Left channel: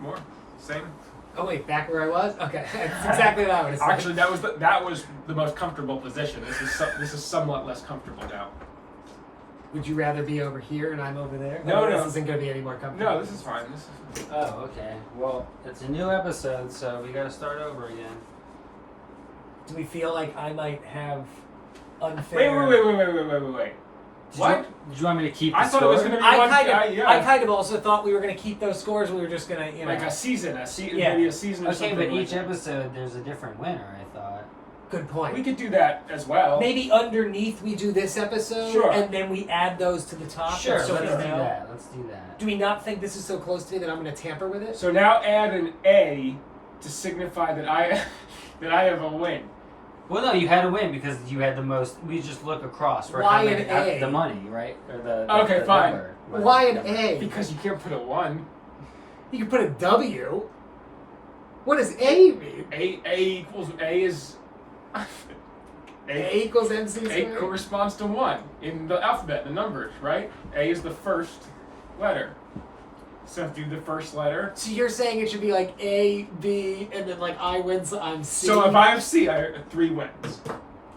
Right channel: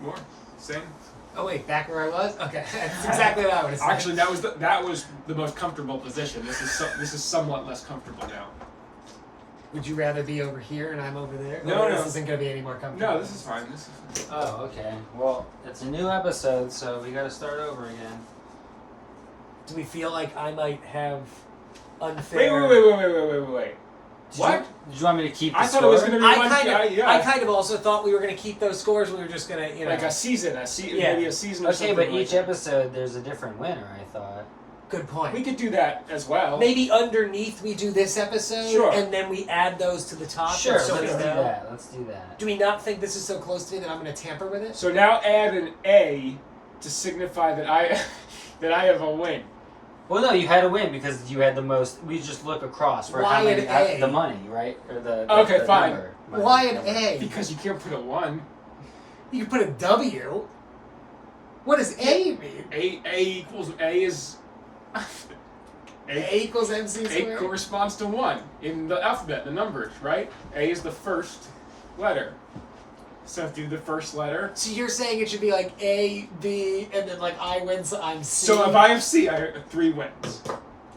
More. Same. Oh wait, back where I was? Okay, that's exactly what I would have said. Actually, that was the most comfortable position. This is somewhat less comfortable now. Would you rather be over here and I'm over there? No. This isn't going to be any more comfortable. No, this is fine. This is. Oh, okay. Well, it's a new episode, so we gotta start over again. Do we feel like I might have unfair... Wait. What? Did you want me to keep the I thought it was score? going to be one. I kind of also thought we were going to keep those scores. We were just going to, Like a season, Yeah. maybe a season or Okay, something. but like each that. episode there's a different winner, I thought. Good point. We could do that as well. Maybe underneath we do this episode, Sure. and then we add those to the top. Sure, so let's we do know. that. Let's do that. Do we not think this is so close to me that I'm going to tamper with it? So now add an A to signify that I that I have a win. Well, no, you had to win because you had the most. We just look across for Why how many, an A? the money, right? Or the Okay, the fine. number. Why an Number. A? Because you can't put a 1. You can put a W. What does A mean? A equals A is A equals MC A squared? corresponds to 1 in the alphabet, the numbers, right? A is the first letter. So do the first letter. So you're saying it should be like A, B, and then like I win, so I'm C? So if I have C, I have 3 wins.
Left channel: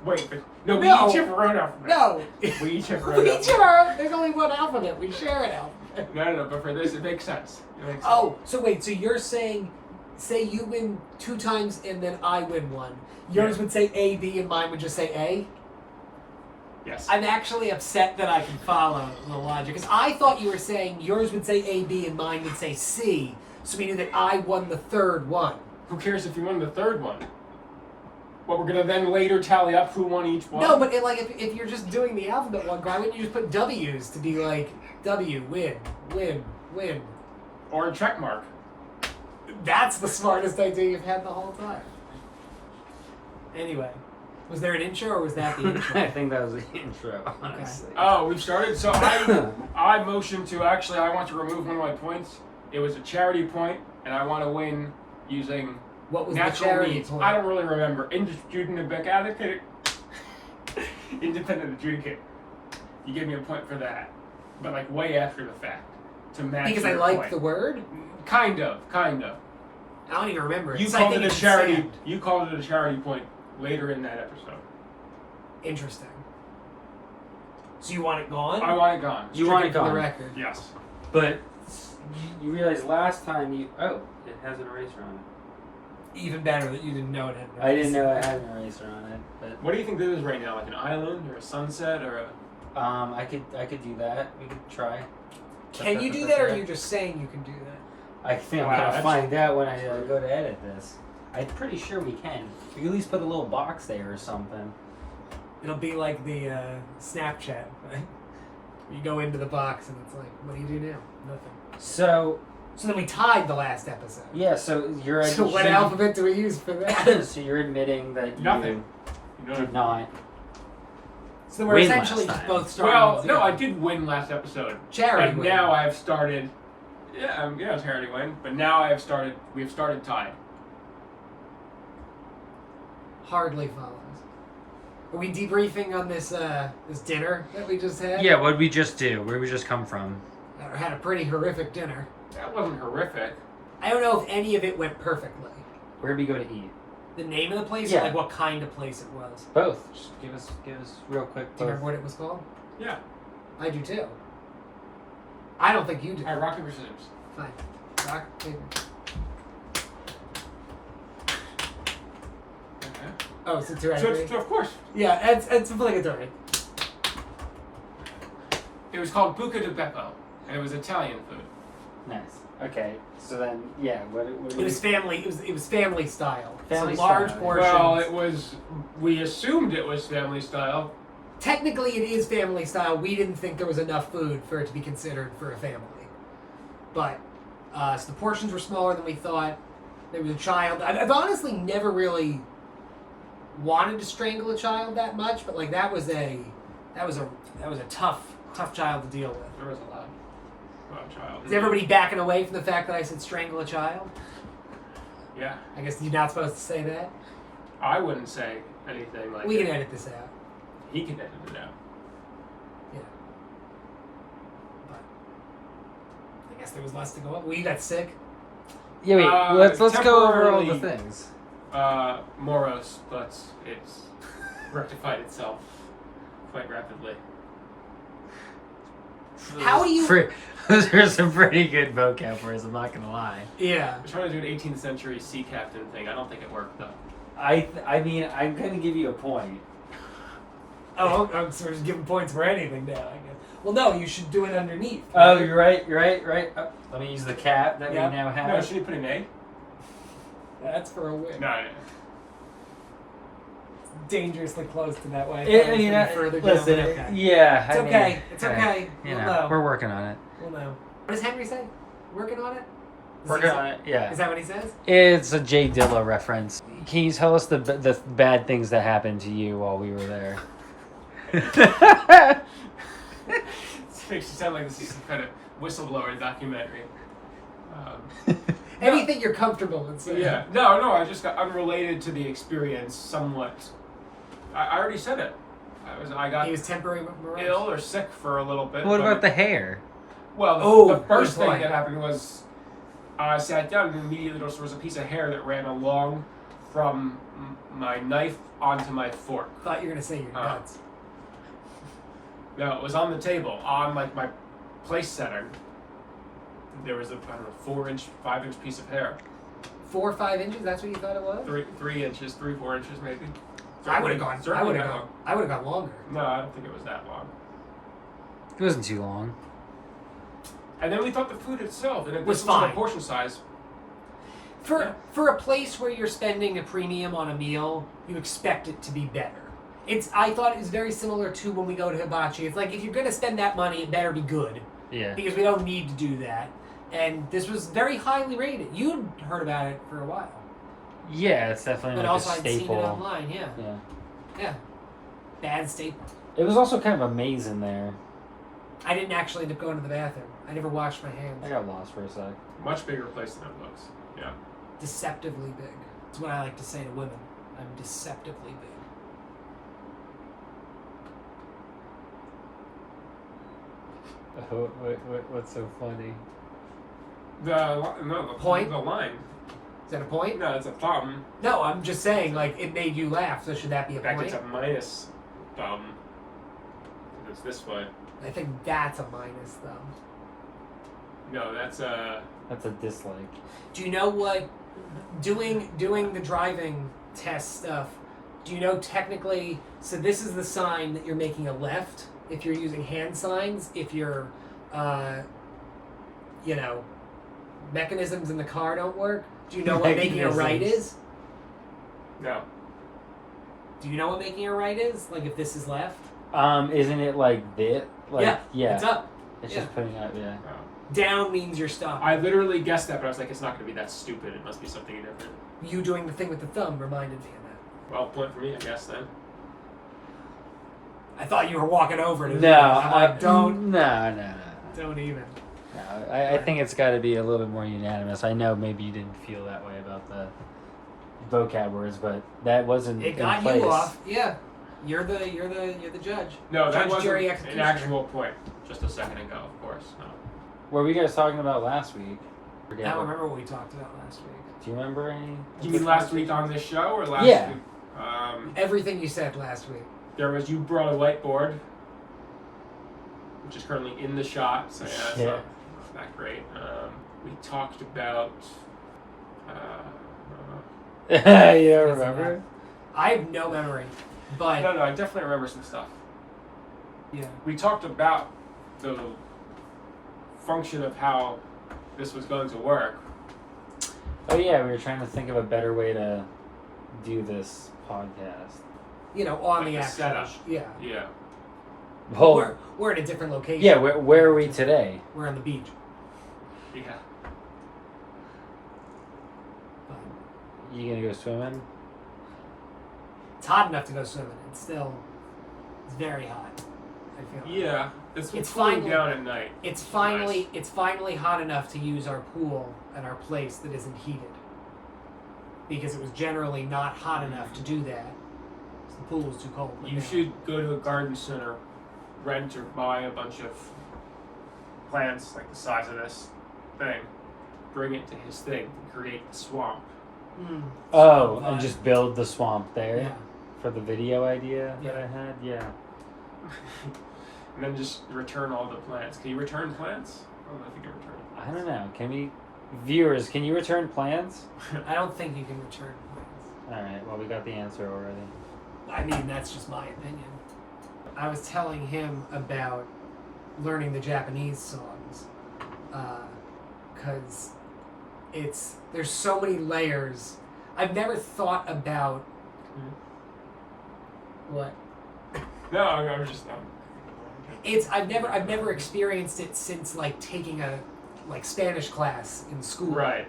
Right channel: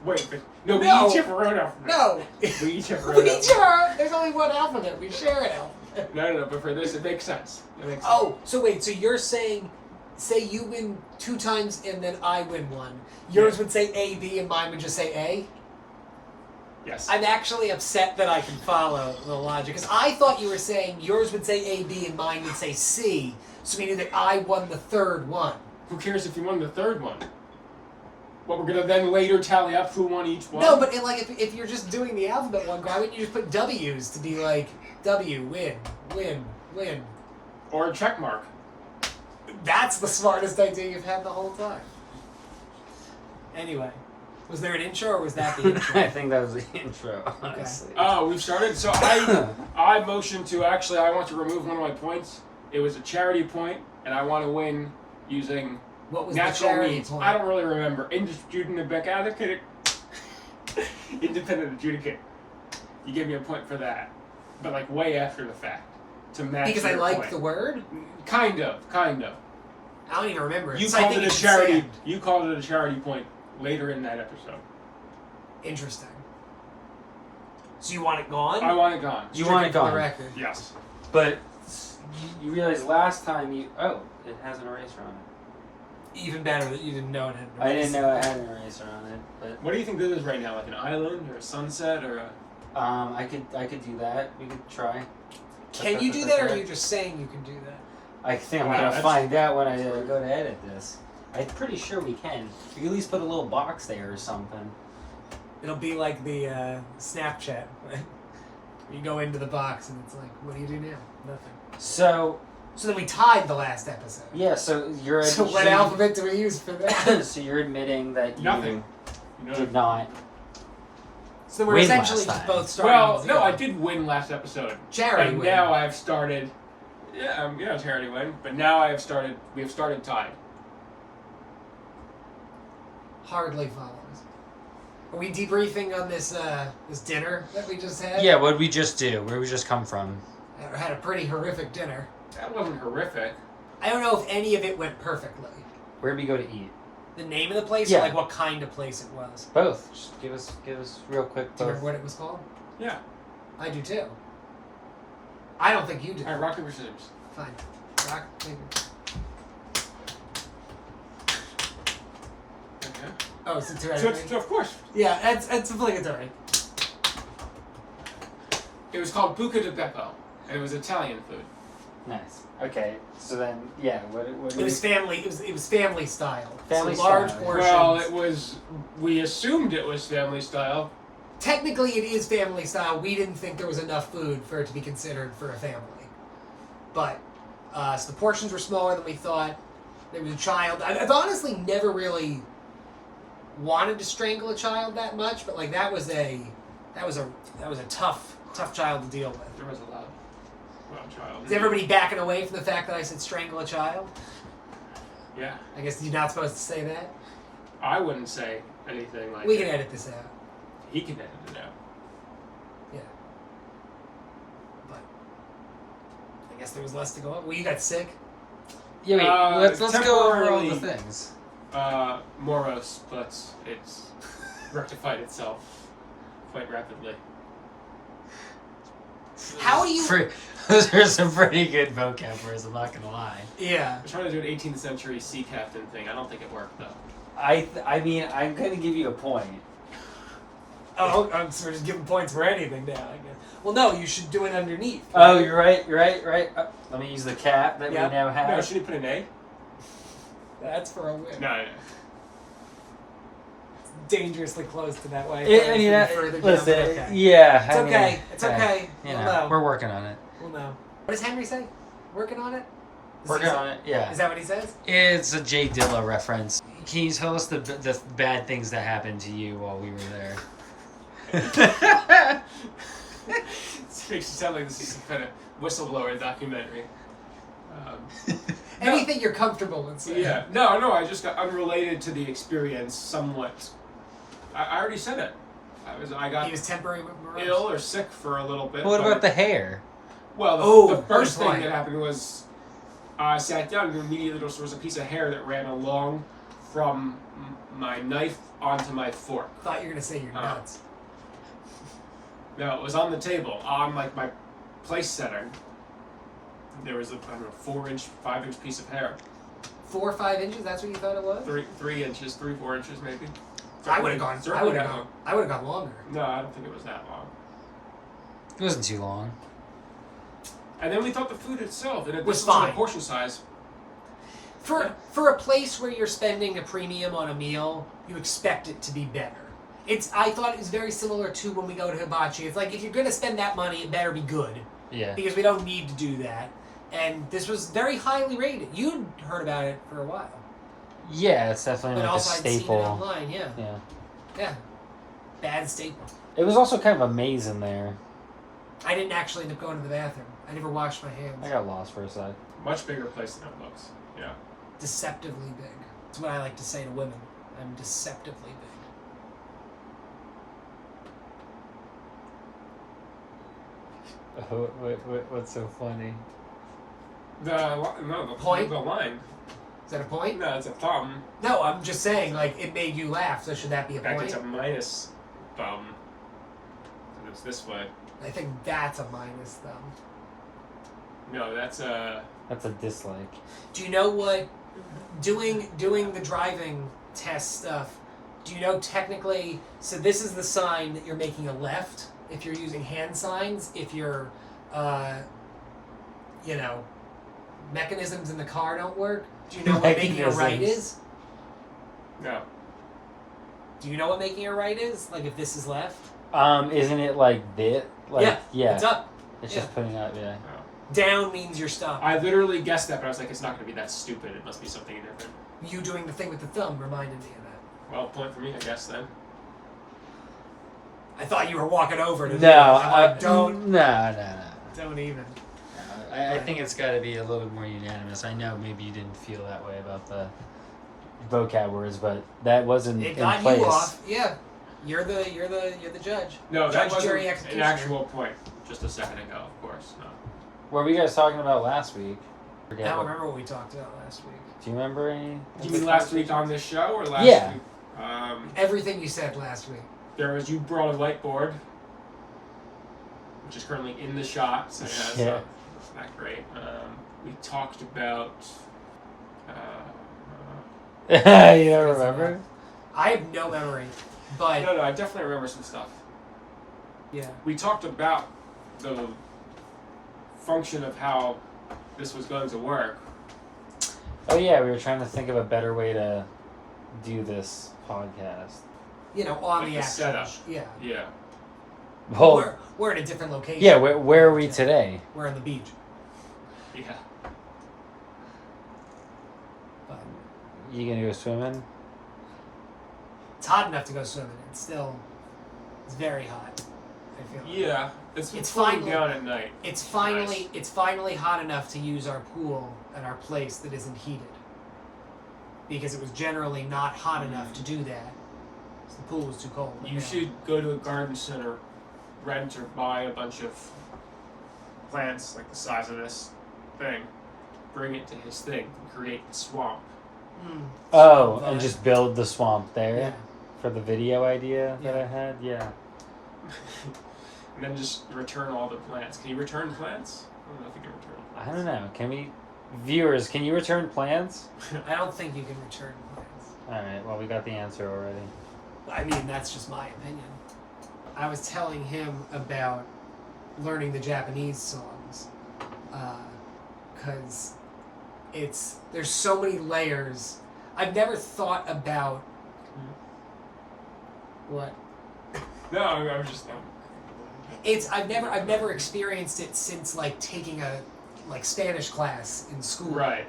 Wait, but no, we No. each have our own alphabet. No. We each have our We own each alphabet. have our, there's only one alphabet. We share an alphabet. No, but for this, it makes sense. It makes sense. Oh, so wait, so you're saying, say you win 2 times and then I win 1. Yours would say A, B, and mine would just say A? Yes. I'm actually upset that I can follow the logic. Because I thought you were saying yours would say A, B, and mine would say C. So we knew that I won the third one. Who cares if you won the third one? What, we're going to then later tally up who won each one? No, but if you're just doing the alphabet one, why wouldn't you just put W's to be like, W, win, win, win? Or a check mark. That's the smartest idea you've had the whole time. Anyway, was there an intro or was that the I intro? think that was the intro. Honestly. Oh, we've started? So I motioned to, actually, I want to remove one of my points. It was a charity point, and I want to win using What was the natural charity means. point? I don't really remember. Independent advocate. Independent adjudicate. You gave me a point for that. But like way after the fact. To match Because I your like point. the word? Kind of. I don't even remember it. You So I called think it a should charity. stand. You called it a charity point later in that episode. Interesting. So you want it gone? I want it gone. You Stricken want it for the gone. record. Yes. But you realized last time you. Oh, it has an eraser on it. Even better that you didn't know it had. I didn't know it had an eraser on it, but What do you think this is right now? Like an island or a sunset or a? I could do that. We could try. Can you do that, or are you just saying you can do that? I think I'm Wow, gonna that's- find out when I go to edit this. I'm pretty sure we can. We can at least put a little box there or something. It'll be like the Snapchat. You go into the box and it's like, what do you do now? Nothing. So So then we tied the last episode. yeah, so you're So what alphabet do we use for that? so you're admitting that you Nothing. You know. did not. So we're Win essentially last time. both starting. Well, with no, zero. I did win last episode. Charity But win. now I have started. Yeah, charity win. But now I have started. We have started tied. Hardly follows. Are we debriefing on this this dinner that we just had? Yeah, what'd we just do? Where we just come from? Had a pretty horrific dinner. That wasn't horrific. I don't know if any of it went perfectly. Where'd we go to eat? The name of the place, Yeah. or like what kind of place it was. Both. Just give us real quick. Do you remember what it was called? Yeah. I do too. I don't think you do. All right, rock paper scissors. Fine. Rock, paper. Okay. Oh, it's a 2 out So, of 3? so of course, Yeah, it's obligatory. it was called Buca di Beppo, and it was Italian food. Nice. Okay. So then, yeah. What It was family. It was family style. Family so large style. portions. Well, it was. We assumed it was family style. Technically, it is family style. We didn't think there was enough food for it to be considered for a family. But so the portions were smaller than we thought. There was a child. I've honestly never really wanted to strangle a child that much, but like that was a tough child to deal with. There was a loud child. Is everybody backing away from the fact that I said strangle a child? Yeah. I guess you're not supposed to say that. I wouldn't say anything like We that. can edit this out. He can edit it out. Yeah. But I guess there was less to go up. Well, you got sick. Yeah, wait, let's go over all the temporarily- things. Morose, but it's rectified itself quite rapidly. How do you? Those are some pretty good vocab words, I'm not gonna lie. Yeah. I was trying to do an 18th century sea captain thing. I don't think it worked though. I mean, I'm gonna give you a point. Oh, I'm sort of giving points for anything now. I guess. Well, no, you should do it underneath. Oh, you're right. Let me use the cap that Yeah. we now have. No, should you put an A? That's for a win. No. Dangerously close to that way. Yeah, you know, further down. listen, Okay. yeah. It's I mean, okay. It's hey, okay. You We'll know, know. we're working on it. We'll know. What does Henry say? Working on it? Working on it. Yeah. Is that what he says? It's a Jay Dilla reference. Can you tell us the bad things that happened to you while we were there? It makes you sound like this is some kind of whistleblower documentary. No. Anything you're comfortable in saying. Yeah. No, I just got unrelated to the experience somewhat. I already said it. I got He was temporary morose. ill or sick for a little bit. What but- about the hair? Well, Oh, the first good thing point. that happened was I sat down and immediately there was a piece of hair that ran along from my knife onto my fork. Thought you were gonna say your Oh. nuts. No, it was on the table, on like my place center. There was a, I don't know, 4-inch, 5-inch piece of hair. 4 or 5 inches. That's what you thought it was. 3 inches, 3-4 inches maybe. I would have gone. I Certainly would have that gone. long. I would have gone longer. No, I don't think it was that long. It wasn't too long. And then we thought the food itself, and it Was was fine. the portion size. For a place where you're spending a premium on a meal, you expect it to be better. I thought it was very similar to when we go to hibachi. It's like if you're gonna spend that money, it better be good Yeah. because we don't need to do that. And this was very highly rated. You'd heard about it for a while, Yeah, it's definitely but like also a I'd seen staple. it online. Yeah, Yeah. yeah, bad staple. It was also kind of a maze in there. I didn't actually end up going to the bathroom. I never washed my hands. I got lost for a sec. Much bigger place than it looks. Yeah. Deceptively big. That's what I like to say to women. I'm deceptively big. What's so funny? The Point? The line. Is that a point? No, it's a thumb. No, I'm just saying, like, it made you laugh, so should that be a That point? gets a minus thumb. It's this way. I think that's a minus, though. No, that's a. That's a dislike. Do you know what, doing the driving test stuff, do you know technically, so this is the sign that you're making a left if you're using hand signs, if your, mechanisms in the car don't work? Do you know what making a right Mechanisms. is? No. Do you know what making a right is? Like if this is left? Isn't it like this? Like, Yeah, yeah. it's up. It's yeah. just putting up, yeah. Down means you're stopped. I literally guessed that, but I was like, it's not going to be that stupid. It must be something different. You doing the thing with the thumb reminded me of that. Well, point for me, I guess then. I thought you were walking over to No, do it. I'm like, don't No. even. No, I think it's got to be a little bit more unanimous. I know maybe you didn't feel that way about the vocab words, but that wasn't It in got place. you off. Yeah. You're the judge. No, that Judge, wasn't jury, an executioner. actual point just a second ago, of course. No. What were you guys talking about last week? I don't remember what we talked about last week. Do you remember any? You mean last week on this show or last Yeah. week? Everything you said last week. There was, you brought a whiteboard, which is currently in the shot, so yeah, it's Yeah. not that great. We talked about. You don't Doesn't remember? matter. I have no memory, but No, I definitely remember some stuff. yeah. We talked about the function of how this was going to work. Oh yeah, we were trying to think of a better way to do this podcast. You know, on Like the the actual. setup. Yeah. Yeah. Well, We're in a different location. yeah. Where are we today? We're on the beach. Yeah. You gonna go swimming? It's hot enough to go swimming. It's very hot. I feel like. Yeah. It's It's cooling finally- down at night. It's finally hot enough to use our pool and our place that isn't heated. Because it was generally not hot enough to do that. 'Cause the pool was too cold. You should go to a garden center, rent or buy a bunch of plants like the size of this thing, bring it to his thing to create the swamp. Mm. Oh, So, and just build the swamp there yeah. for the video idea that Yeah. I had. Yeah. And then just return all the plants. Can you return plants? I don't know if you can return I plants. don't know. Can we, viewers? Can you return plants? I don't think you can return plants. All right. Well, we got the answer already. I mean, that's just my opinion. I was telling him about learning the Japanese songs, because there's so many layers. I've never thought about what No, I was just. I've never experienced it since like taking a Spanish class in school. Right.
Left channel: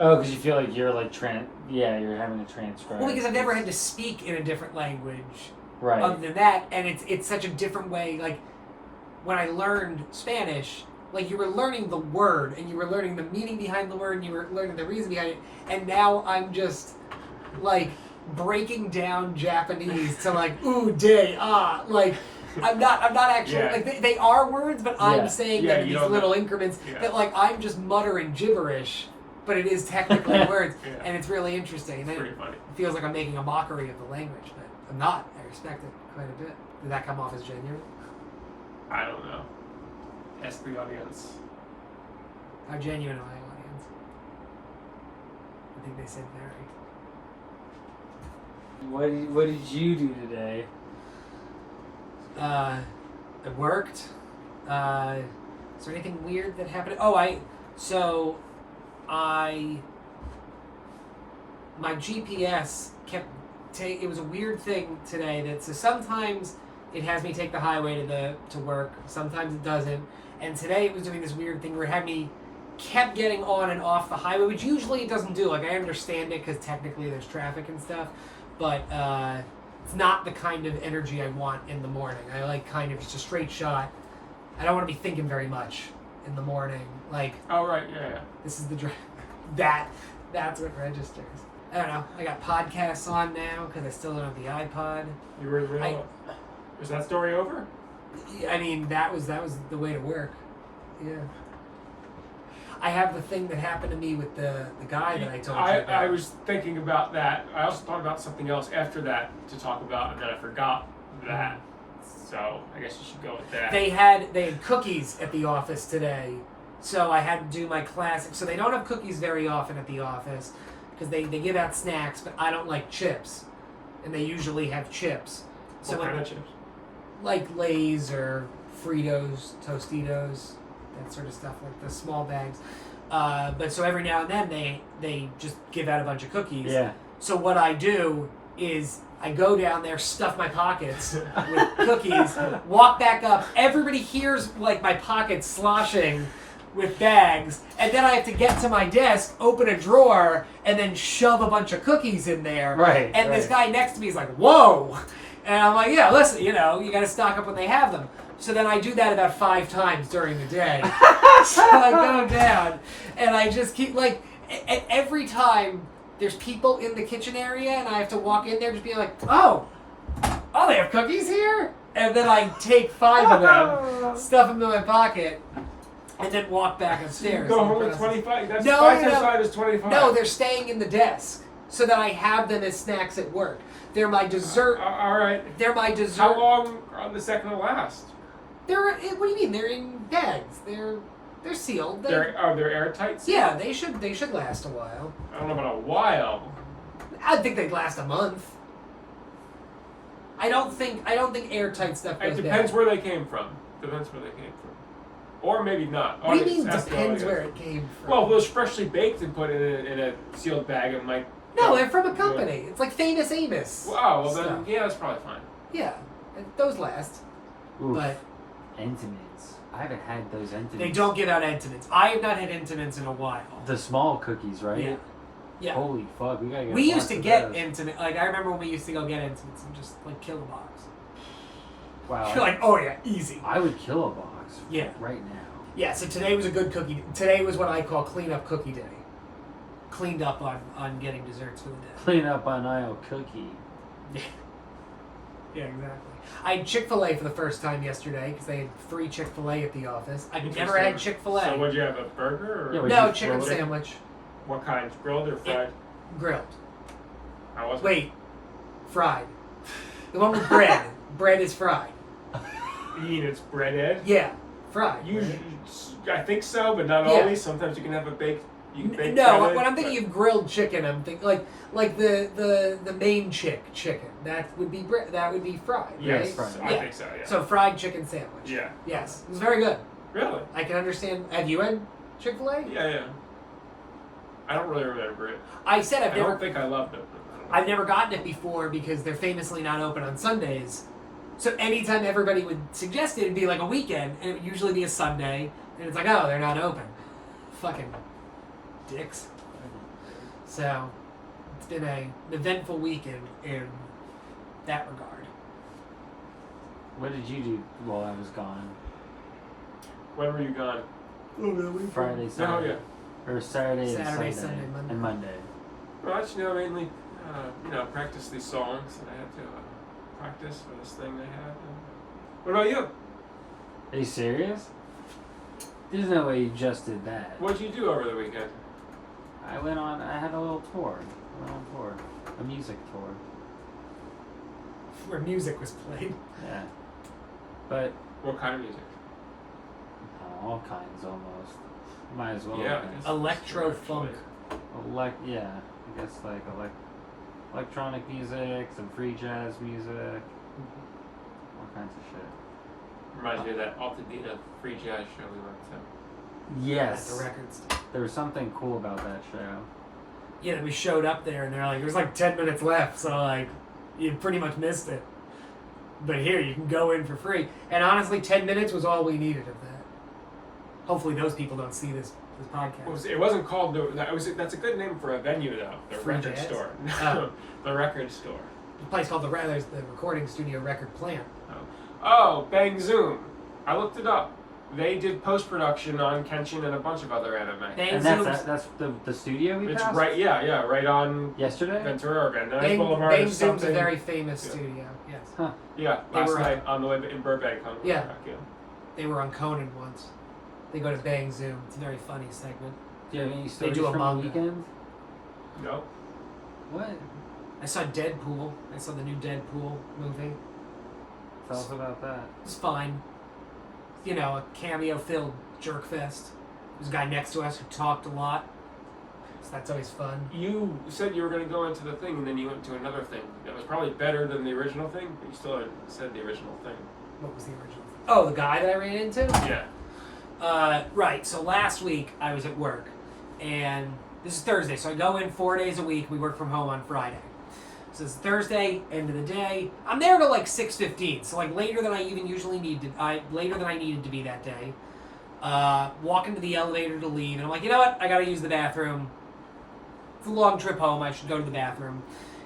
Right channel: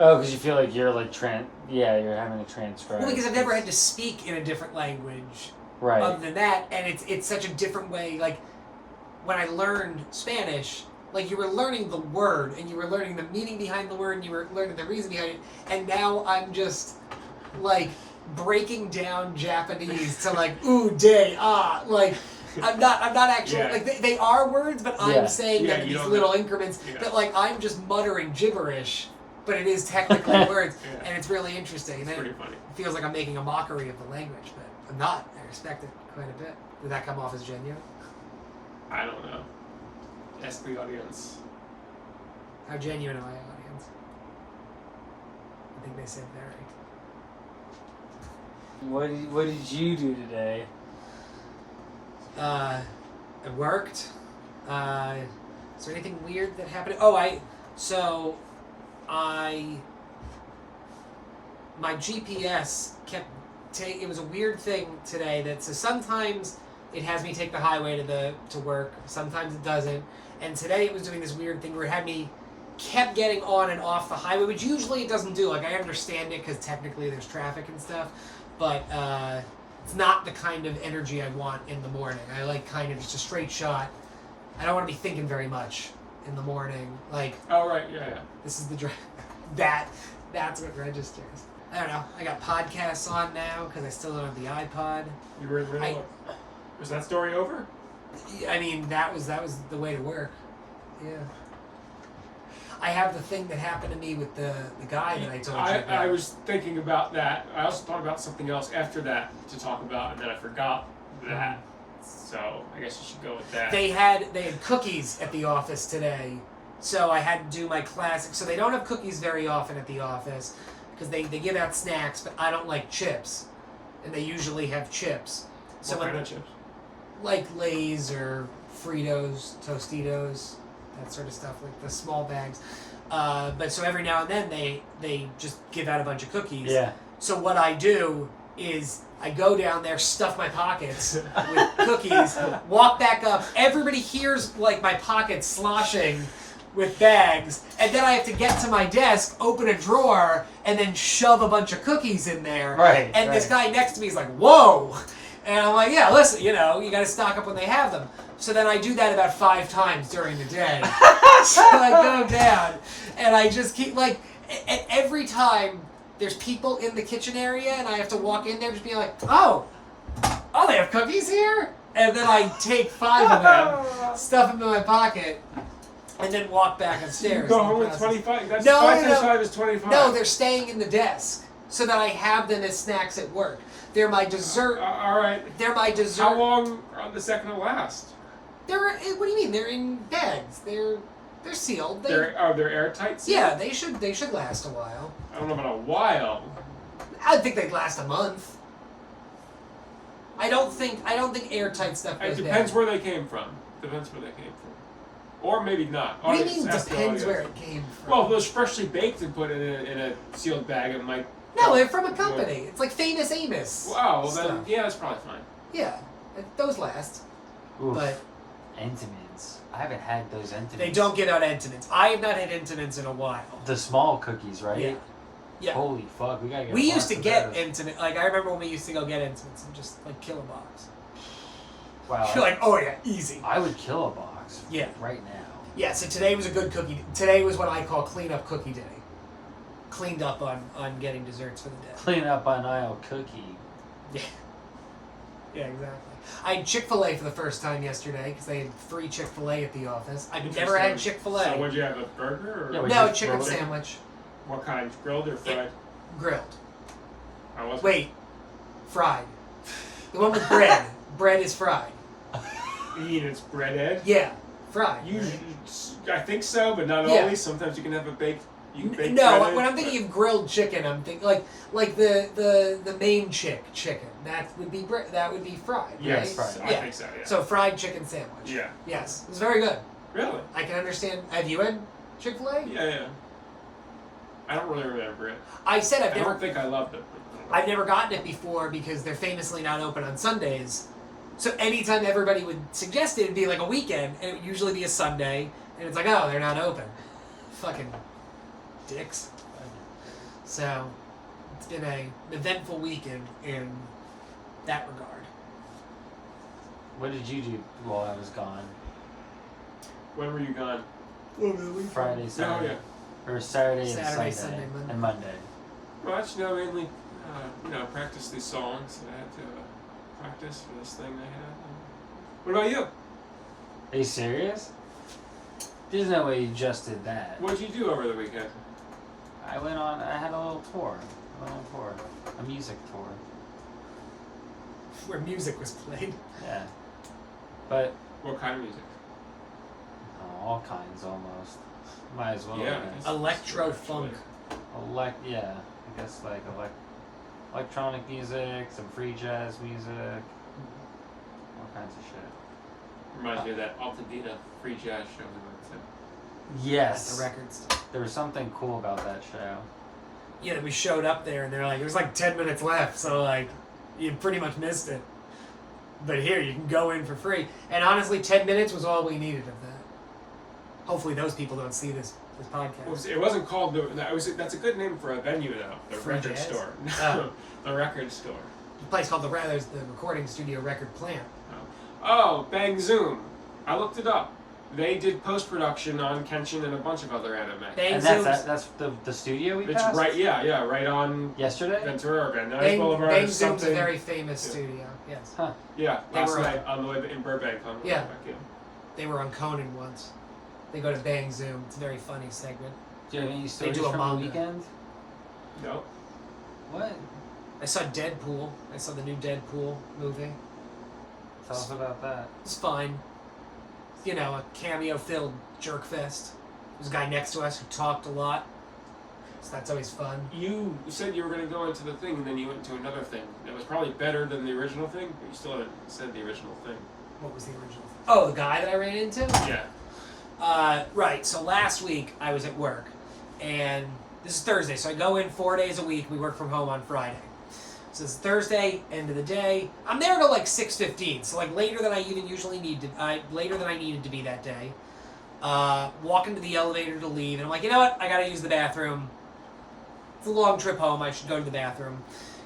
Oh, because you feel like you're like you're having to transcribe. Well, because I've never had to speak in a different language. Right. Other than that, and it's such a different way. Like when I learned Spanish, like you were learning the word and you were learning the meaning behind the word and you were learning the reason behind it, and now I'm just like breaking down Japanese to like ooh day ah like I'm not actually Yeah. like they are words, but I'm Yeah. saying Yeah, them in you these don't little know. increments Yeah. that like I'm just muttering gibberish, but it is technically words, Yeah. and it's really interesting. And It's then pretty funny. it feels like I'm making a mockery of the language, but I'm not. I respect it quite a bit. Did that come off as genuine? I don't know. Ask the audience. How genuine am I, audience? I think they said very. What did you do today? I worked. Is there anything weird that happened? My GPS kept it was a weird thing today so sometimes it has me take the highway to work, sometimes it doesn't, and today it was doing this weird thing where it had me kept getting on and off the highway, which usually it doesn't do. Like I understand it because technically there's traffic and stuff, but it's not the kind of energy I want in the morning. I like kind of just a straight shot. I don't want to be thinking very much in the morning. Like Oh right, yeah. this is the that's what registers. I don't know. I got podcasts on now because I still don't have the iPod. You were real. Was that story over? I mean, that was the way to work. Yeah. I have the thing that happened to me with the guy that I told you about. I was thinking about that. I also thought about something else after that to talk about, and then I forgot that. So I guess you should go with that. They had cookies at the office today, so I had to do my classic. So they don't have cookies very often at the office because they give out snacks, but I don't like chips, and they usually have chips. So what kind of chips? Like Lay's or Fritos, Tostitos, that sort of stuff, like the small bags. But so every now and then they just give out a bunch of cookies. Yeah. So what I do is I go down there, stuff my pockets with cookies, walk back up. Everybody hears like my pockets sloshing with bags, and then I have to get to my desk, open a drawer, and then shove a bunch of cookies in there. Right, And this right. guy next to me is like, "Whoa!" And I'm like, "Yeah, listen, you got to stock up when they have them." So then I do that about 5 times during the day. So I go down, and I just keep like, and every time there's people in the kitchen area, and I have to walk in there, just be like, "Oh, they have cookies here," and then I take 5 of them, stuff them in my pocket, and then walk back upstairs. Go and home with process. 25. That's No, 5 no, times no. 5 is 25. No, they're staying in the desk so that I have them as snacks at work. They're my dessert. All right. They're my dessert. How long are the second to last? They're what do you mean? They're in bags. They're sealed. They're airtight? sealed? Yeah, they should last a while. I don't know about a while. I think they'd last a month. I don't think airtight stuff goes It depends bad. where they came from. Depends where they came from. Or maybe not. What do you mean Ask the depends audience. where it came from? Well, if it was freshly baked and put in a sealed bag, it might. no, they're from a company. It's like Famous Amos. Wow, well then, stuff. yeah, that's probably fine. Yeah, those last. Oof. But Entenmann's. I haven't had those Entenmann's. they don't give out Entenmann's. I have not had Entenmann's in a while. The small cookies, right? Yeah. Yeah. Holy fuck, we gotta get. We a used to box of get those. Entenmann's. Like I remember when we used to go get Entenmann's and just like kill a box. Wow. You're like, oh yeah, easy. I would kill a box. Yeah. Right now. Yeah, so today was a good cookie. Today was what I call clean up cookie day. Cleaned up on getting desserts for the day. Clean up on aisle cookie. Yeah. Yeah, exactly. I had Chick-fil-A for the first time yesterday because they had free Chick-fil-A at the office. I'd never had Chick-fil-a. So would you have a burger or Yeah, No, chicken grilled? sandwich. What kind? Grilled or fried? Grilled. I wasn't. Wait. Fried. The one with bread. Bread is fried. You eat its breaded? Yeah. Fried. Usually, I think so, but not Yeah. always. Sometimes you can have a baked. You can bake No, breaded, when I'm thinking of grilled chicken, I'm thinking like the main chicken. That would be that would be fried, Yes, right? Fried. I Yeah. think so. Yeah. So fried chicken sandwich. Yeah. Yes, it was very good. Really? I can understand. Have you had Chick-fil-A? Yeah. I don't really remember it. I said I've I never don't think I loved it. But I don't know. I've never gotten it before because they're famously not open on Sundays. So anytime everybody would suggest it, it'd be like a weekend, and it would usually be a Sunday, and it's like, oh, they're not open. Fucking dicks. So it's been an eventful weekend in that regard. What did you do while I was gone? When were you gone? Friday, Oh Saturday, yeah. or Saturday, Saturday, and Sunday, Monday. and Monday. Well, that's mainly, practice these songs that I had to practice for this thing I had. What about you? Are you serious? There's no way you just did that. What did you do over the weekend? I had a little tour. I went on tour. A music tour. Where music was played. Yeah. But What kind of music? all kinds almost. Might as well. Yeah, I guess. Electro funk. Yeah. I guess like electronic music, some free jazz music, all kinds of shit. Reminds me of that Altadena free jazz show we went to. Yes. At the records. There was something cool about that show. Yeah, we showed up there and they're like, there's like 10 minutes left, so like, you pretty much missed it. But here, you can go in for free. And honestly, 10 minutes was all we needed of that. Hopefully those people don't see this podcast. It wasn't called that's a good name for a venue though. The Free record jazz? store. Oh. The record store. The place called there's the recording studio Record Plant. Oh, Bang Zoom. I looked it up. They did post-production on Kenshin and a bunch of other anime. Bang And Zoom. that's the studio we It's passed? right on Yesterday? Ventura or Van Nuys Bang Boulevard or Zoom's a something. very famous Yeah. studio. Yes, Yeah, They last were- night on the way in Burbank on the way Yeah. back in. they were on Conan once. They go to Bang Zoom. It's a very funny segment. Do you have any stories do a from manga. the weekend? No. What? I saw Deadpool. I saw the new Deadpool movie. Tell us about that. It's fine. You know, a cameo-filled jerkfest. There's a guy next to us who talked a lot. So that's always fun. You said you were going to go into the thing, and then you went to another thing. That was probably better than the original thing, but you still haven't said the original thing. What was the original? Oh, the guy that I ran into? Yeah. Right, so last week I was at work, and this is Thursday, so I go in 4 days a week. We work from home on Friday. So it's Thursday, end of the day. I'm there till like 6:15, so like later than I even usually later than I needed to be that day. Walk into the elevator to leave, and I'm like, you know what? I gotta use the bathroom. It's a long trip home. I should go to the bathroom.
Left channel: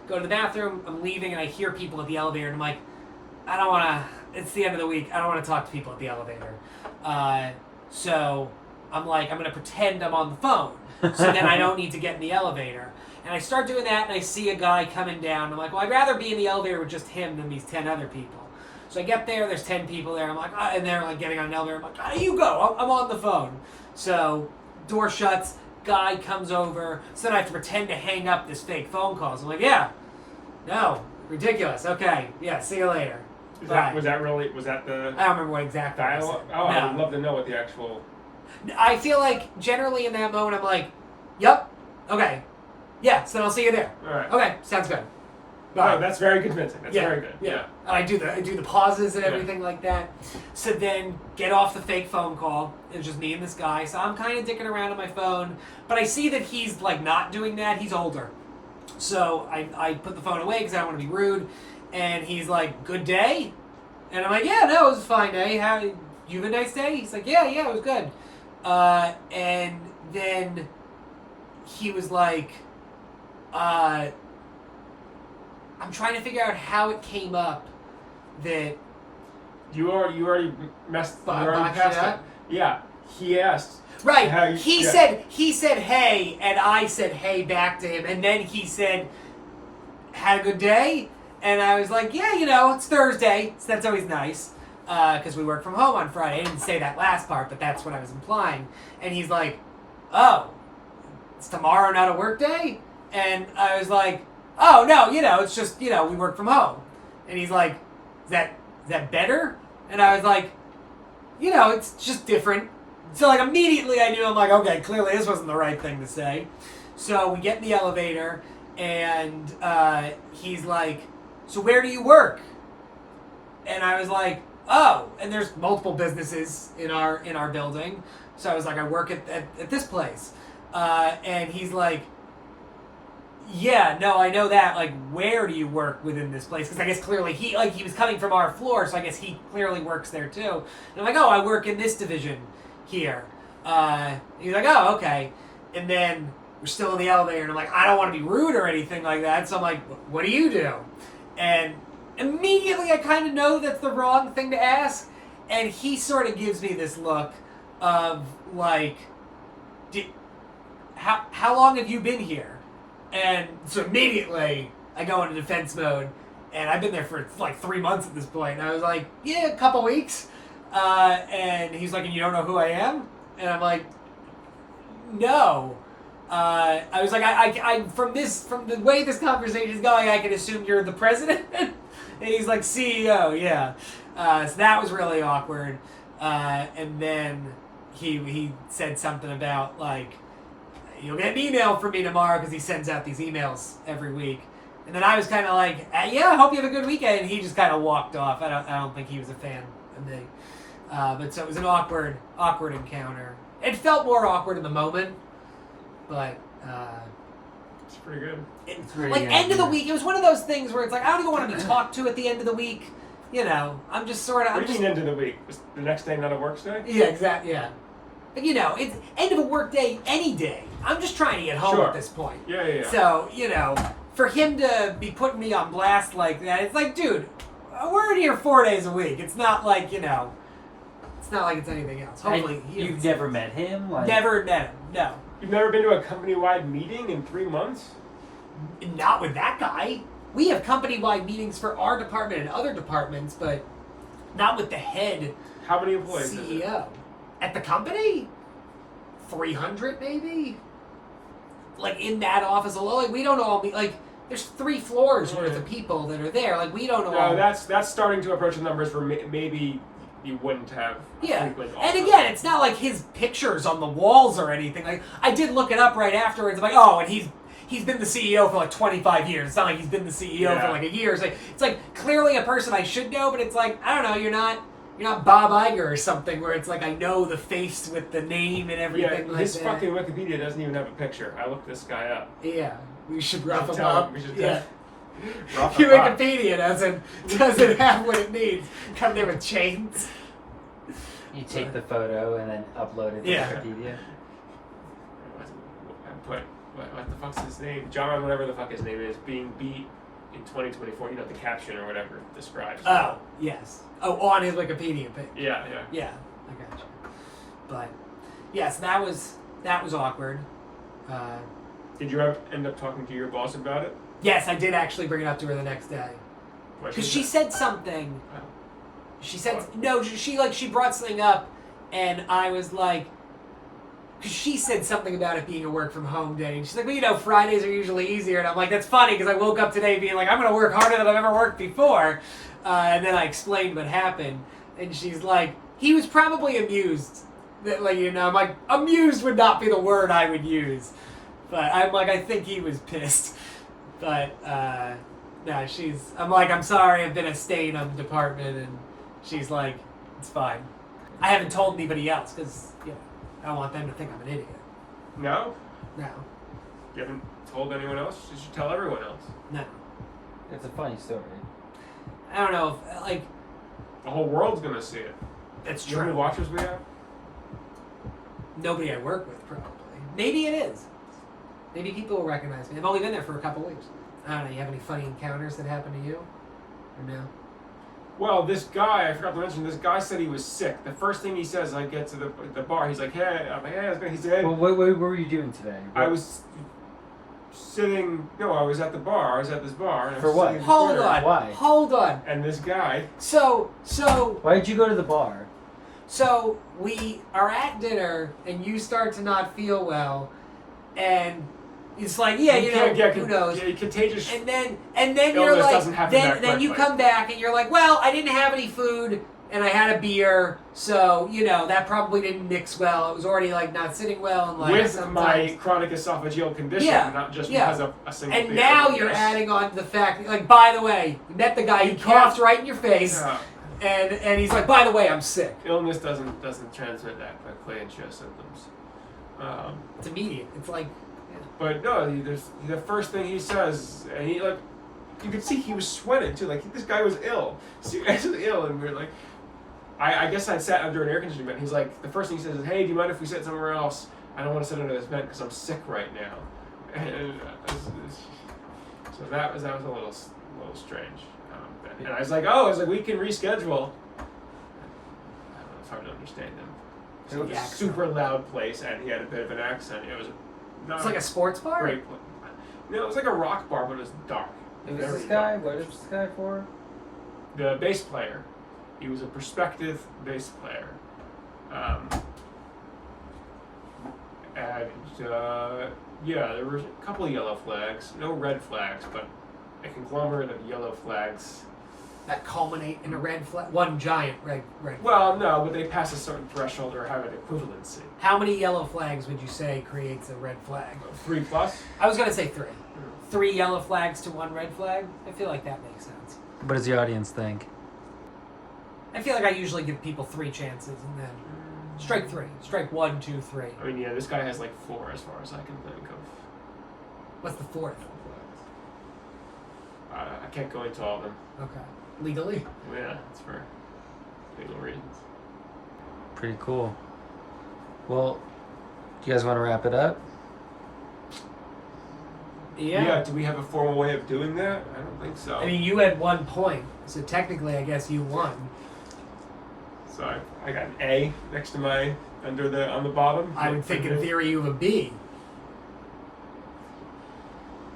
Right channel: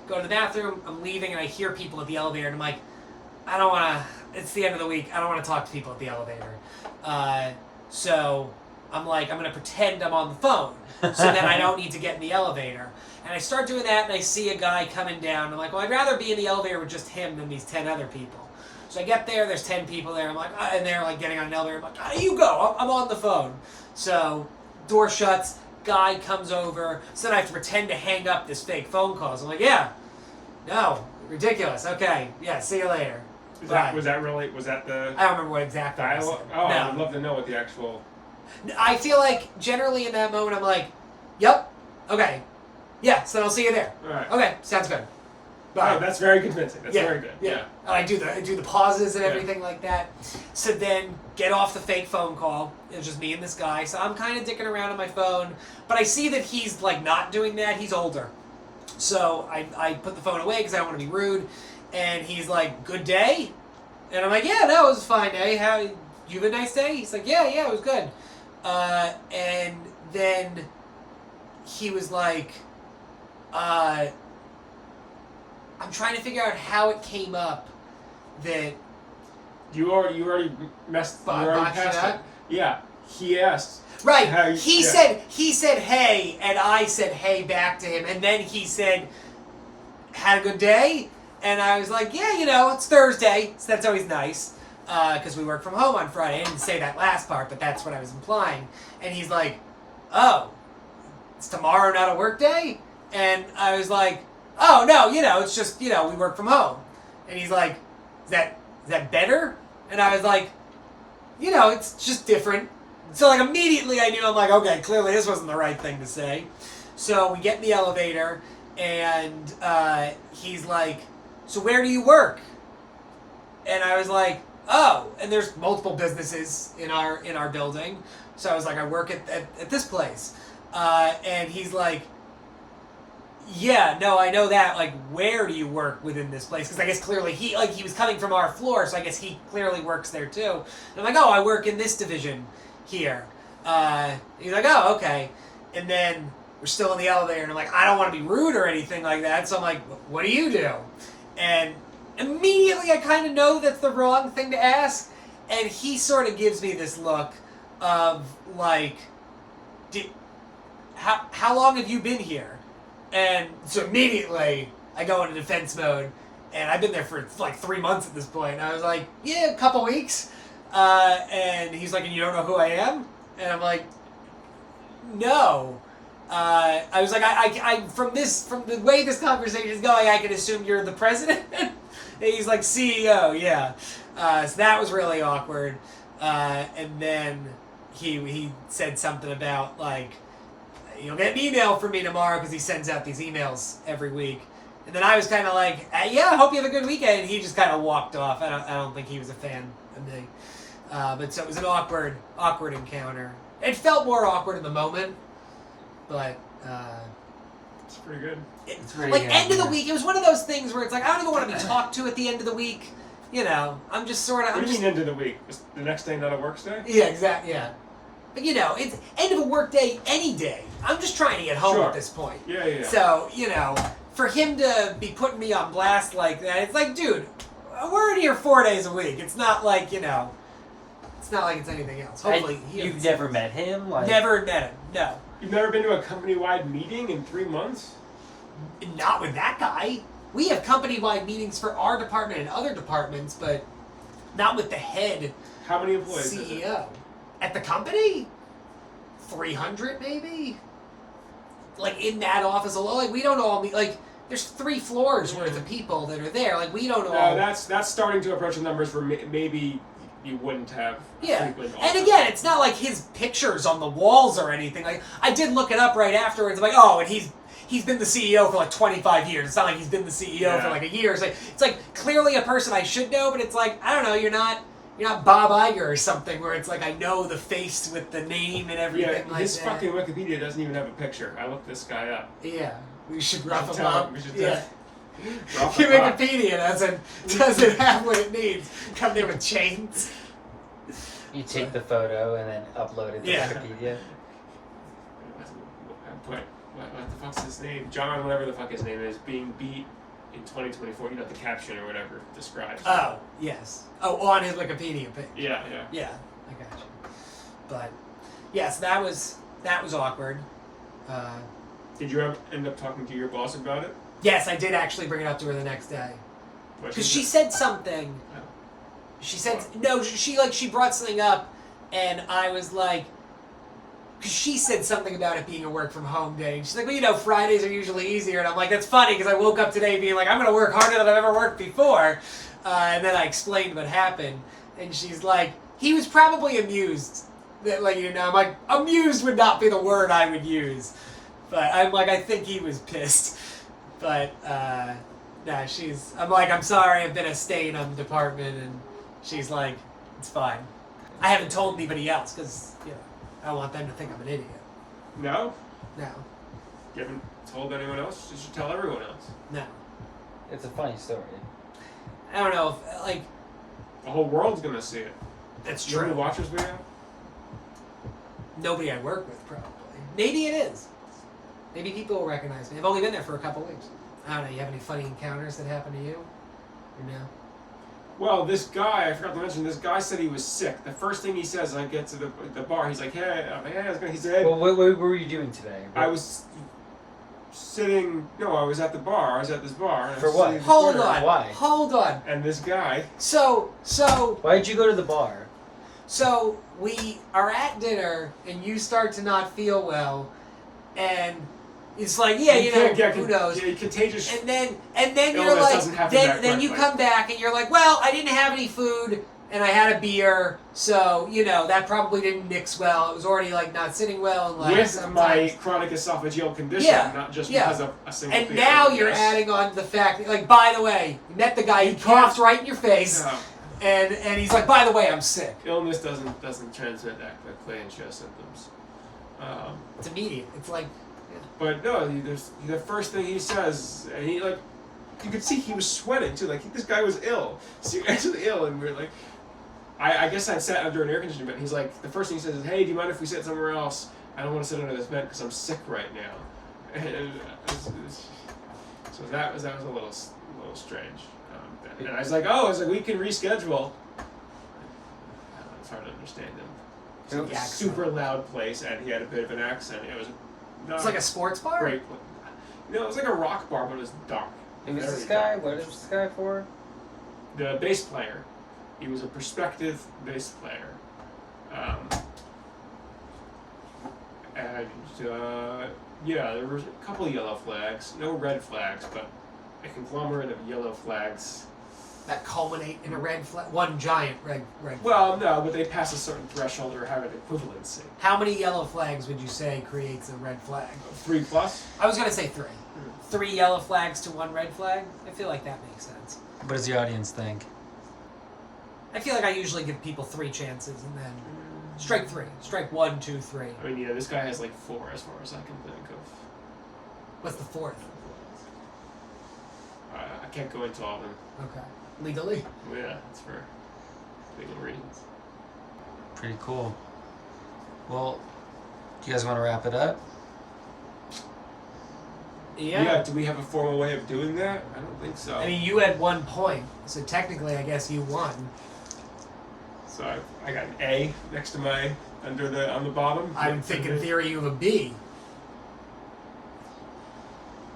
Go to the bathroom. I'm leaving, and I hear people at the elevator, and I'm like, I don't want to. It's the end of the week. I don't want to talk to people at the elevator. So I'm like, I'm going to pretend I'm on the phone so then I don't need to get in the elevator. And I start doing that, and I see a guy coming down. I'm like, well, I'd rather be in the elevator with just him than these 10 other people. So I get there, there's 10 people there. I'm like, and they're like getting on an elevator. I'm like, you go. I'm on the phone. So door shuts, guy comes over. So then I have to pretend to hang up this fake phone call. So I'm like, yeah, no, ridiculous. Okay, yeah, see you later. Was Right. that the I don't remember what exactly I dialogue? said. Oh, I No. would love to know what the actual. I feel like generally in that moment I'm like, yep, okay, yeah, so then I'll see you there. All right. Okay, sounds good. Oh, Bye. that's very convincing. That's Yeah, very good. Yeah. I do the pauses and Yeah. everything like that. So then get off the fake phone call. It's just me and this guy. So I'm kind of dicking around on my phone, but I see that he's like not doing that. He's older. So I put the phone away because I don't want to be rude. And he's like, good day? And I'm like, yeah, no, it was a fine day. How you have a nice day? He's like, yeah, it was good. And then he was like, I'm trying to figure out how it came up that You already messed. You already Botched passed it it. up? Yeah. He asked. right. How you- He yeah. said hey, and I said hey back to him, and then he said, had a good day, And I was like, yeah, you know, it's Thursday, so that's always nice. Because we work from home on Friday. I didn't say that last part, but that's what I was implying. And he's like, oh, is tomorrow not a work day? And I was like, oh, no, you know, it's just, you know, we work from home. And he's like, is that better? And I was like, you know, it's just different. So, like, immediately I knew, I'm like, okay, clearly this wasn't the right thing to say. So we get in the elevator, and he's like, so where do you work? And I was like, oh, and there's multiple businesses in our building. So I was like, I work at this place. And he's like, yeah, no, I know that. Like, where do you work within this place? Because I guess clearly he was coming from our floor, so I guess he clearly works there too. And I'm like, oh, I work in this division here. He's like, oh, okay. And then we're still in the elevator, and I'm like, I don't want to be rude or anything like that. So I'm like, what do you do? And immediately I kind of know that's the wrong thing to ask. And he sort of gives me this look of like, how long have you been here? And so immediately I go into defense mode, and I've been there for like 3 months at this point. And I was like, yeah, a couple weeks. And he's like, and you don't know who I am? And I'm like, no. I was like, I from the way this conversation is going, I can assume you're the president. And he's like, CEO, yeah. So that was really awkward. And then he said something about like, you'll get an email from me tomorrow, because he sends out these emails every week. And then I was kind of like, yeah, I hope you have a good weekend. And he just kind of walked off. I don't think he was a fan of me. But so it was an awkward encounter. It felt more awkward in the moment, but It's pretty good. It's really like end of the week, it was one of those things where it's like I don't even want to be talked to at the end of the week. You know, I'm just sort of. What do you mean end of the week? Is the next day not a work day? Yeah, exactly. Yeah, but you know, it's end of a work day any day. I'm just trying to get home Sure. at this point. Yeah. So you know, for him to be putting me on blast like that, it's like, dude, we're in here 4 days a week. It's not like, you know, it's not like it's anything else. Hopefully, you've never met him. Like... Never met him. No. You've never been to a company-wide meeting in 3 months? Not with that guy. We have company-wide meetings for our department and other departments, but not with the head How many employees is it? CEO. At the company? 300 maybe? Like in that office alone, like we don't all meet, like there's 3 floors worth of people that are there. Like we don't all. No, that's starting to approach the numbers where maybe you wouldn't have frequent And office. again, it's not like his pictures on the walls or anything. Like I did look it up right afterwards. I'm like, oh, and he's been the CEO for like 25 years. It's not like he's been the CEO for like a year. It's like clearly a person I should know, but it's like, I don't know, you're not Bob Iger or something where it's like I know the face with the name and everything like his that. fucking Wikipedia doesn't even have a picture. I looked this guy up. Yeah, we should rough him Tell up. him we should Yeah. rough Your him up. Wikipedia doesn't have what it needs. Come there with chains. You take the photo and then upload it to Yeah. Wikipedia. What the fuck's his name? John, whatever the fuck his name is, being beat in 2024. You know, the caption or whatever describes. Oh, yes. Oh, on his Wikipedia page. Yeah. Yeah, I got you. But yes, that was awkward. Did you ever end up talking to your boss about it? Yes, I did actually bring it up to her the next day What because she said something. Oh. She said no. She brought something up, and I was like, because she said something about it being a work from home day, and she's like, well, you know, Fridays are usually easier, and I'm like, that's funny because I woke up today being like, I'm gonna work harder than I've ever worked before, and then I explained what happened, and she's like, he was probably amused. That, like, you know, I'm like, amused would not be the word I would use, but I'm like, I think he was pissed, but no, I'm like, I'm sorry, I've been a stain on the department, and she's like, it's fine. I haven't told anybody else because, you know, I don't want them to think I'm an idiot. No? No. You haven't told anyone else? You should tell everyone else. No. It's a funny story. I don't know if, like, The whole world's gonna see it. that's You know how true. many watchers we have? Nobody I work with, probably. Maybe it is. Maybe people will recognize me. I've only been there for a couple weeks. I don't know. You have any funny encounters that happen to you? Or no? Well, this guy, I forgot to mention, this guy said he was sick. The first thing he says, I get to the bar, he's like, hey, I'm like, hey, I was gonna, he said, Well, what were you doing today? I was sitting. No, I was at the bar. I was at this bar. And I For was what? sitting at the Hold corner, on. Why? Hold on. And this guy. So Why did you go to the bar? we are at dinner, and you start to not feel well, and it's like, yeah, you know, can't get who knows? contagious. And then you're Illness like, doesn't happen that then you quickly. come back and you're like, well, I didn't have any food and I had a beer, so you know that probably didn't mix well. It was already like not sitting well, and like with sometimes. my chronic esophageal condition, Yeah, not just yeah. because of a single And beer. now you're Yes. adding on the fact, that, like, by the way, you met the guy, he You coughed can't- right in your face, Yeah. and he's like, by the way, I'm sick. Illness doesn't transmit that quickly and show symptoms. It's immediate. It's like, But no, there's the first thing he says, and he like, you could see he was sweating too. Like this guy was ill, seriously ill, and we we're like, I guess I sat under an air conditioning vent. He's like, the first thing he says is, "Hey, do you mind if we sit somewhere else? I don't want to sit under this vent because I'm sick right now." And, so that was a little strange. And I was like, we can reschedule. I don't know, it's hard to understand him. So it was a Accent. super loud place, and he had a bit of an accent. It was not it's like a sports bar. great. No, it was like a rock bar, but it was dark. Who's Very this guy? dark. What is this guy for? The bass player. He was a prospective bass player. Yeah, there were a couple of yellow flags. No red flags, but a conglomerate of yellow flags. That culminate in a red flag. One giant red. Well, no, but they pass a certain threshold or have an equivalency. How many yellow flags would you say creates a red flag? 3+. I was gonna say 3. 3 yellow flags to 1 red flag. I feel like that makes sense. What does the audience think? I feel like I usually give people 3 chances and then strike 3. Strike 1, 2, 3. I mean, yeah, this guy has like 4 as far as I can think of. What's the 4th? I can't go into all of them. Okay. Legally? Yeah, it's for legal reasons. Pretty cool. Well, do you guys want to wrap it up? Yeah, do we have a formal way of doing that? I don't think so. I mean, you had 1 point, so technically, I guess you won. So I got an A next to my on the bottom. I would think in theory you have a B.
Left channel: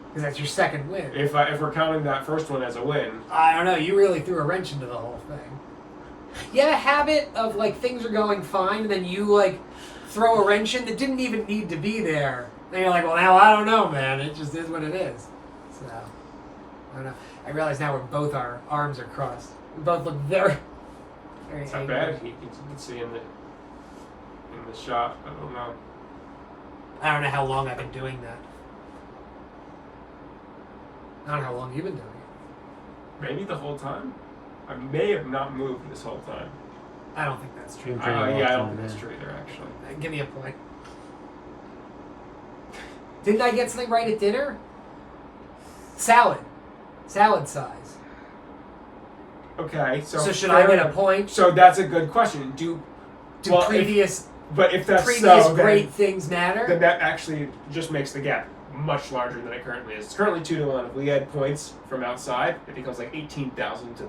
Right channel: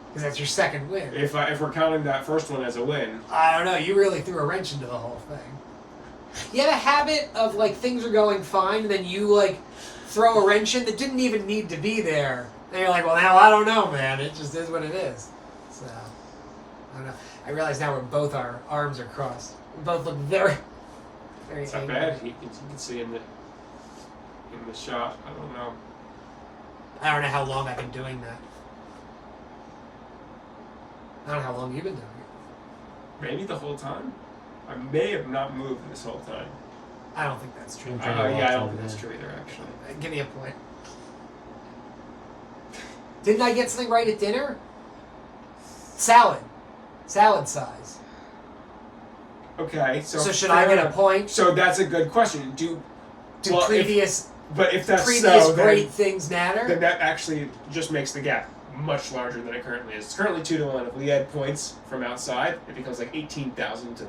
Because that's your second win. If we're counting that first one as a win, I don't know, you really threw a wrench into the whole thing. You have a habit of, like, things are going fine, and then you, like, throw a wrench in that didn't even need to be there. And you're like, well, now I don't know, man. It just is what it is. So, I don't know. I realize now both our arms are crossed. We both look very it's not angry. bad. You can see in the shot. I don't know. I don't know how long I've been doing that. I don't know how long you've been doing it. Maybe the whole time. I may have not moved this whole time. I don't think that's true. Been pretty well Yeah, I done, don't think that's man. true either. Actually, Give me a point. Didn't I get something right at dinner? Salad. Salad size. okay. So should I fair get a enough. point? So that's a good question. Do well, if previous that's previous so, great things matter? then that actually just makes the gap much larger than it currently is. It's currently 2-1. If we add points from outside, it becomes like 18,000 to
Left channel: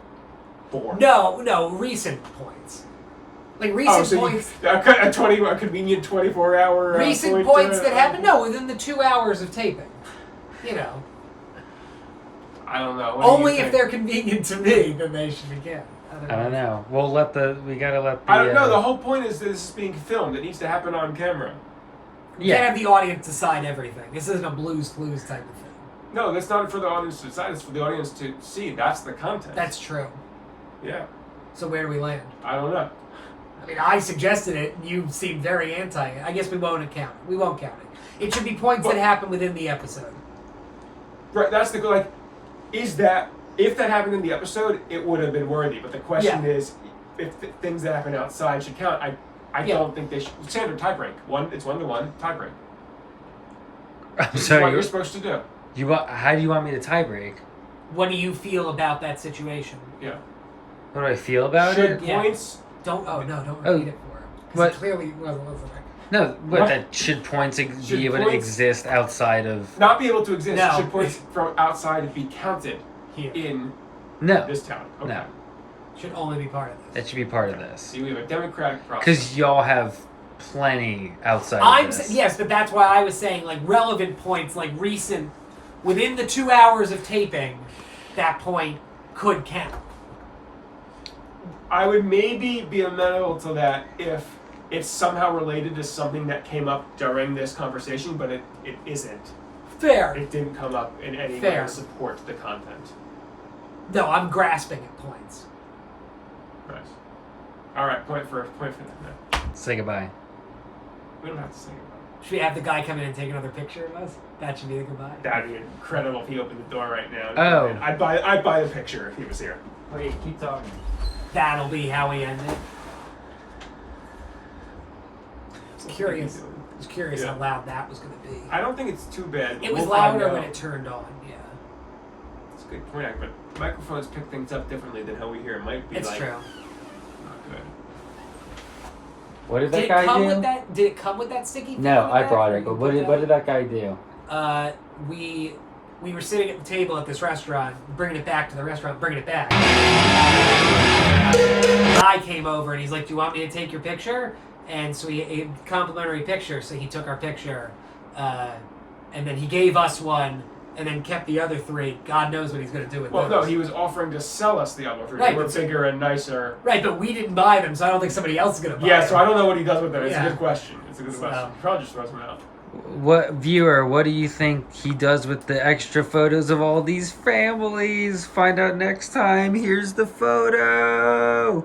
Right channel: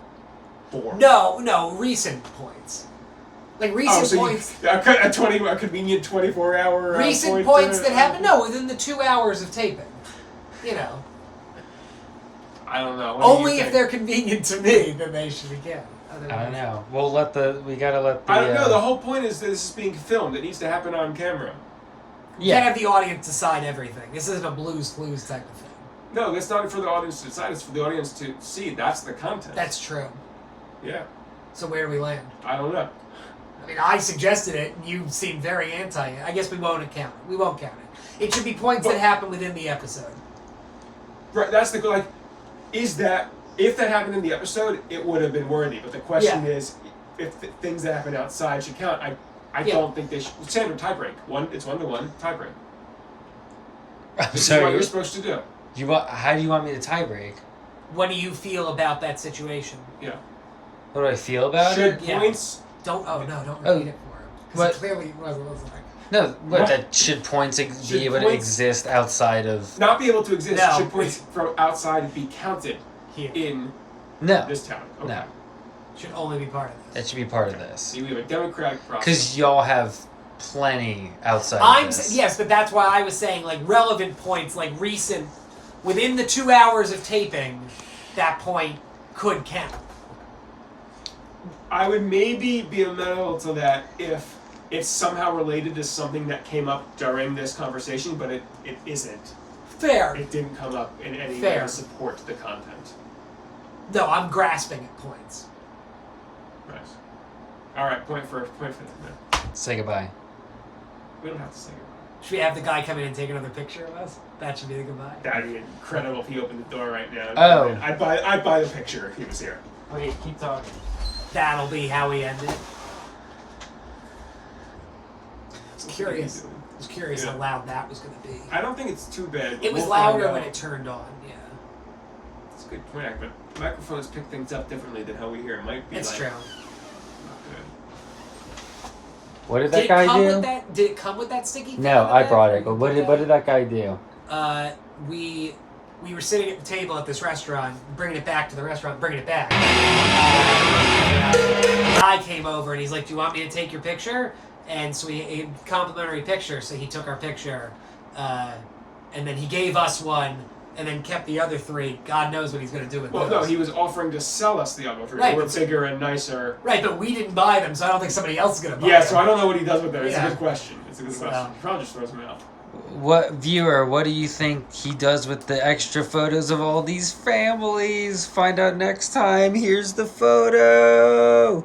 4. No, recent points. Like recent points. A convenient 24-hour. Recent points that happen. No, within the 2 hours of taping. You know, I don't know. What do you only if think? they're convenient to me, then they should be counted. I don't know. We gotta let the. I don't know. The whole point is that this is being filmed. It needs to happen on camera. You can't have the audience decide everything. This isn't a Blue's Clues type of thing. No, that's not for the audience to decide. It's for the audience to see. That's the content. That's true. Yeah. So where do we land? I don't know. I mean, I suggested it, and you seemed very anti it. I guess we won't count it. We won't count it. It should be points that happen within the episode. Right. That's the like. Is that if that happened in the episode, it would have been worthy. But the question is, if things that happen outside should count. I don't think they should. Standard tiebreak. It's 1-1 tiebreak. I'm This is what sorry. you're supposed to do. How do you want me to tie break? What do you feel about that situation? Yeah. What do I feel about Should it? Yeah. points? Don't repeat Oh, it for him. Because what? it clearly wasn't listening. No, What? that should points Should be able to points- exist outside of? Not be able to exist. No. Should points from outside be counted Here. in No, this town? Okay. no. Should only be part of That this. should be part of this. See, we have a democratic process. Because y'all have plenty outside of this. Yes, but that's why I was saying, like, relevant points, like recent within the 2 hours of taping, that point could count. I would maybe be amenable to that if it's somehow related to something that came up during this conversation, but it isn't. Fair. It didn't come up in any way Fair. to support the content. No, I'm grasping at points. Right. All right, point for no. Say goodbye. We don't have to say goodbye. Should we have the guy come in and take another picture of us? That should be the goodbye. That'd be incredible if he opened the door right now. Oh. I'd buy the picture if he was here. Wait, keep talking. That'll be how we end it. What's Curious. he doing? I was curious Yeah. how loud that was going to be. I don't think it's too bad. It was We'll find louder out. when it turned on, yeah. It's a good point, but microphones pick things up differently than how we hear. It might be It's like true. not good. What did Did that it guy come do? with that? Did it come with that sticky thing? No, on the I back, brought or it. you But put what did that guy do? We were sitting at the table at this restaurant, bringing it back to the restaurant, bringing it back. Guy came over and he's like, "Do you want me to take your picture?" And so he complimentary picture. So he took our picture, and then he gave us one, and then kept the other three. God knows what he's going to do with Well, those. no, he was offering to sell us the other three. Right, They were but- bigger and nicer. Right, but we didn't buy them, so I don't think somebody else is going to buy Yeah, them. so I don't know what he does with them. It's Yeah. a good question. It's a good So- question. He probably just throws them out. What viewer, what do you think he does with the extra photos of all these families? Find out next time. Here's the photo.